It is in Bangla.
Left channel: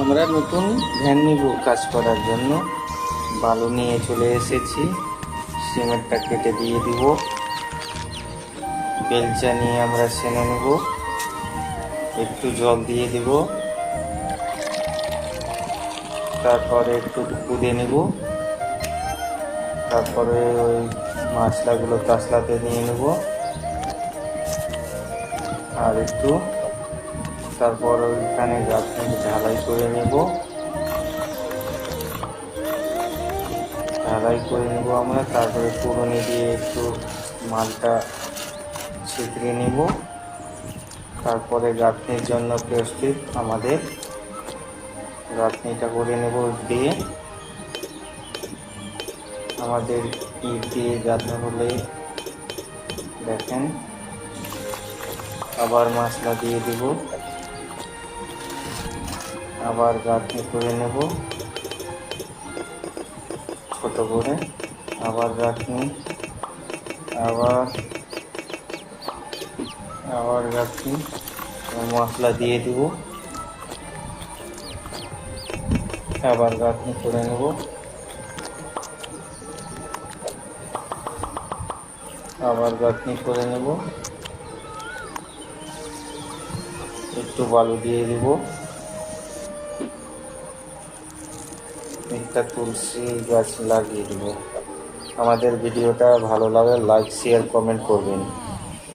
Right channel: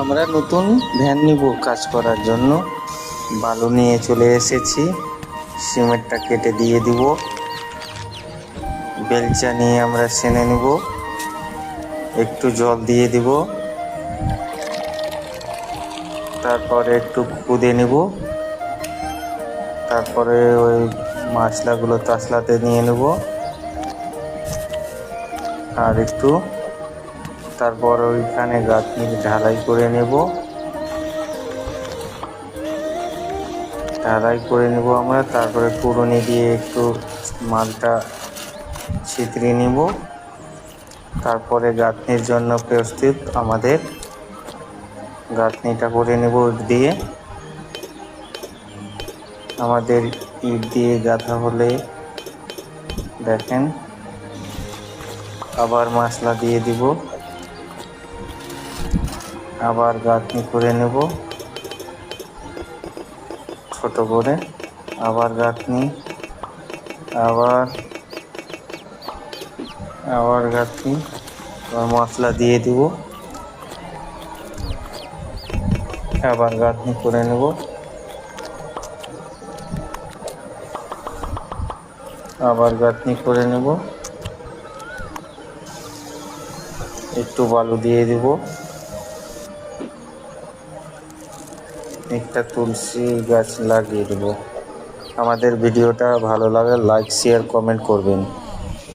আমরা নতুন ভ্যান নিব কাজ করার জন্য। বালু নিয়ে চলে এসেছি, সিমেন্টটা কেটে দিয়ে দিব। বেলচা নিয়ে আমরা সেনে নেব, একটু জল দিয়ে দিব, তারপরে একটু কুদে নেব, তারপরে ওই মশলাগুলো তাসলাতে নিয়ে নেব আর একটু, তারপর ওইখানে গাঁথনি ঢালাই করে নেব। আমরা, তারপরে কুড়ুনি দিয়ে একটু মালটা ছিতরে নিব। তারপরে গাঁথনির জন্য প্রস্তুত আমাদের গাঁথনিটা করে নেব ইট দিয়ে। আমাদের ইট দিয়ে গাঁথা হলে দেখেন, আবার মশলা দিয়ে দিব, আবার গাঁথনি করে নেব ছোট করে, আবার গাঁথনি, আবার গাঁথনি, আবার মশলা দিয়ে দিব, আবার গাঁথনি করে নেব, আবার গাঁথনি করে নেব, একটু বালু দিয়ে দিব, একটা তুলসী গাছ লাগিয়ে দেব। আমাদের ভিডিওটা ভালো লাগে লাইক শেয়ার কমেন্ট করবেন।